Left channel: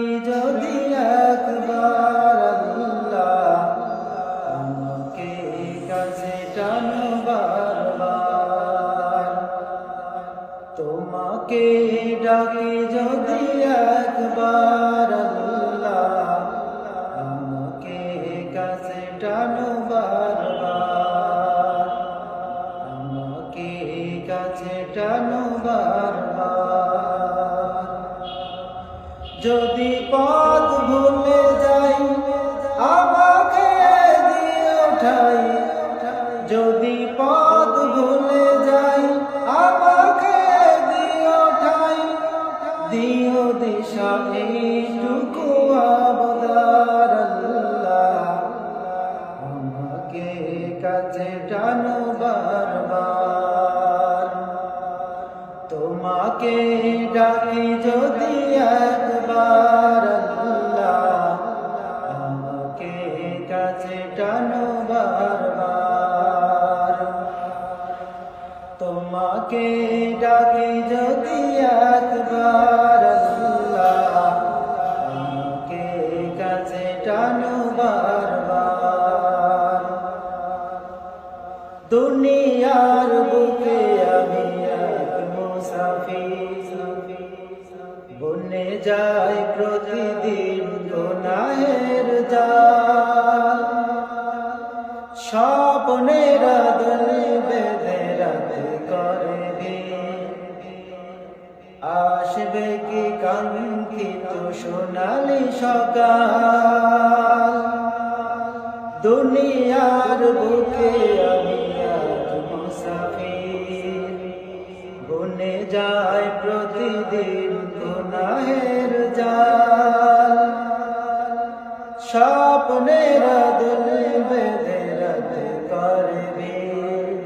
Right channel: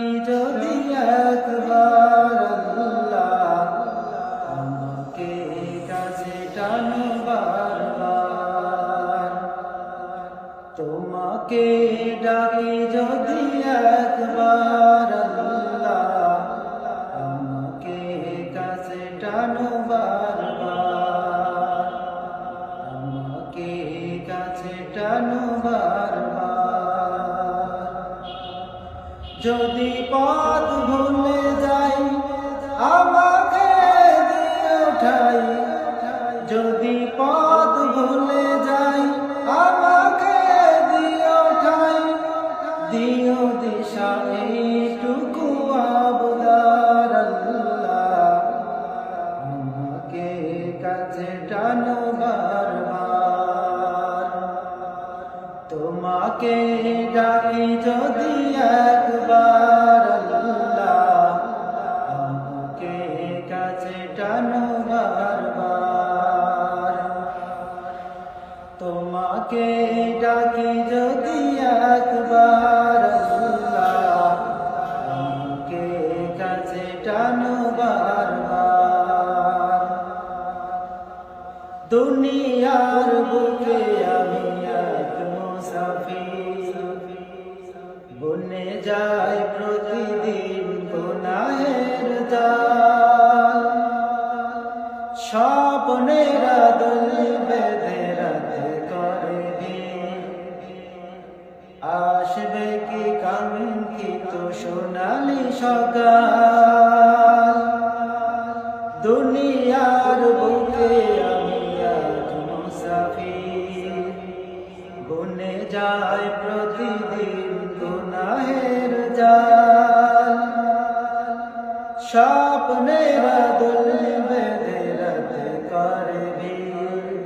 ডাকি যদি একবার আল্লাহ, আমাকে কাছে টানো বারবার। তোমাকে ডাকি যদি একবার আল্লাহ, আমাকে কাছে টানো বারবার, আমাকে কাছে টানো বারবার। যদি পথ ভুলে যাই আমাকে দিও ঠাই, যদি পথ ভুলে যাই আমাকে দিও ঠাই, দিও দিশা এইটুকু আবদার আল্লাহ, আমাকে কাছে টানো বারবার। তোমাকে ডাকি যদি একবার আল্লাহ, আমাকে কাছে টানো বারবার। তোমাকে ডাকি যদি একবার আল্লাহ, আমাকে কাছে টানো বারবার। দুনিয়ার বুকে আমি এক মুসাফির, বনে যাই প্রতিদিন গুনাহের জাল। স্বপ্নের দল বেঁধে রাতে করে ভিড়, আসবে কি কাঙ্ক্ষিত সোনালি সকাল। দুনিয়ার বুকে আমি এক মুসাফির, বনে যাই প্রতিদিন গুনাহের জাল। স্বপ্নের দোল বেঁধে রাতে করে ভিড়,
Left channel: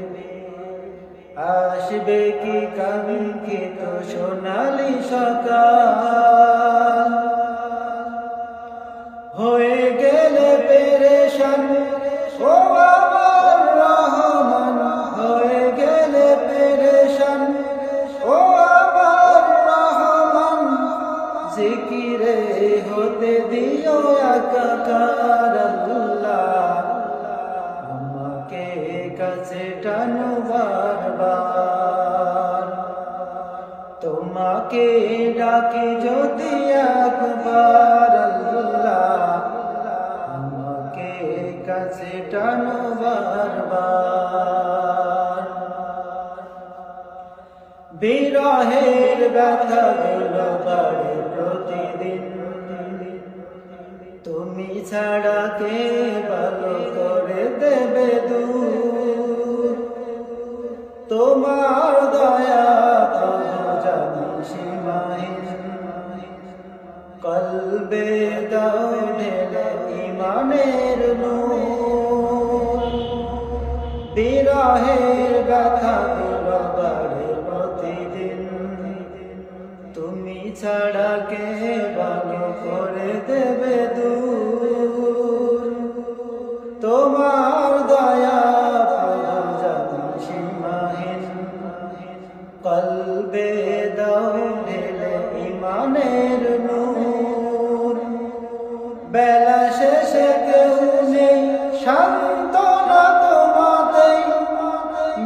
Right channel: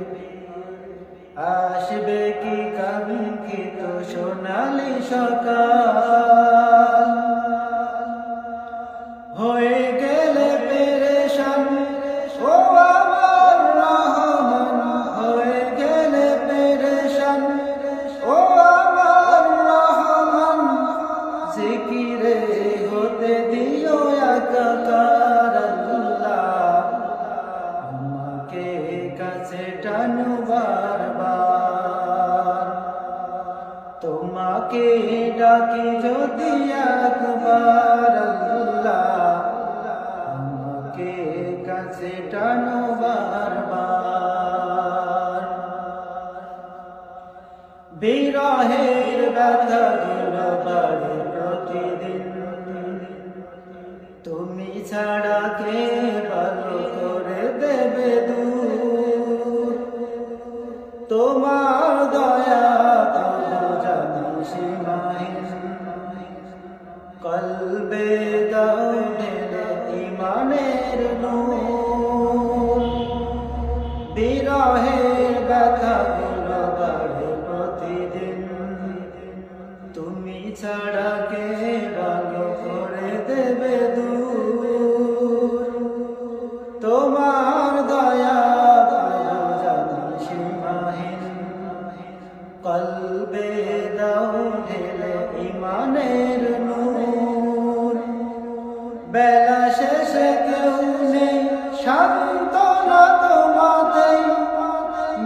আসবে কি কাঙ্ক্ষিত সোনালি সকাল। হয়ে গেলে পেরেশান ও আমার রহমান, হয়ে গেলে পেরেশান ও আমার রহমান। জিকিরে হতে দিও একাকার আল্লাহ, আমাকে কাছে টানো বারবার। তোমাকে ডাকি যদি একবার আল্লাহ, আমাকে কাছে টানো বারবার। বিরহের ব্যথাগুলো বাড়ে প্রতিদিন, তুমি ছাড়া কে ভালো করে দেবে দূর। তোমার দয়া প্রভু জানি সীমাহীন, কলবে দাও ঢেলে ইমানের নূর। বিরহের ব্যথাগুলো বাড়ে প্রতিদিন, তুমি ছাড়া কে ভালো করে দেবে দূর। তোমার দয়া প্রভু জানি সীমাহীন, কলবে দাও ঢেলে ইমানের নূর। বেলা শেষে কেউ নেই সান্ত্বনা তোমাতেই,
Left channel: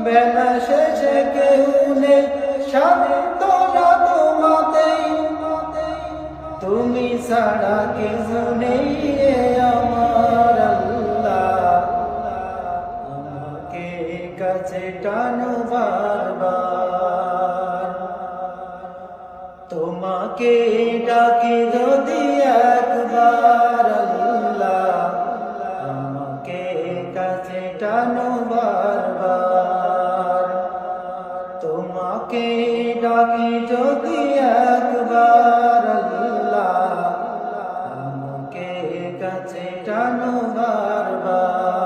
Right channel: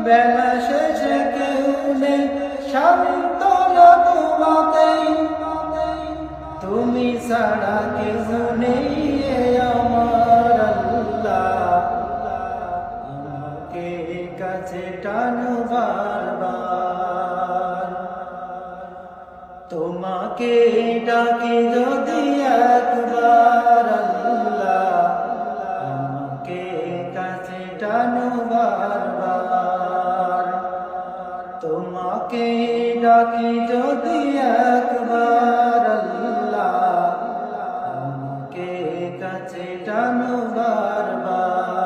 বেলা শেষে কেউ নেই সান্ত্বনা তোমাতেই। তুমি ছাড়া কেউ নেই আমার আল্লাহ, আমাকে কাছে টানো বারবার। তোমাকে ডাকি যদি একবার আল্লাহ, আমাকে কাছে টানো বারবার। তোমাকে ডাকি যদি একবার আল্লাহ, আমাকে কাছে টানো বারবার।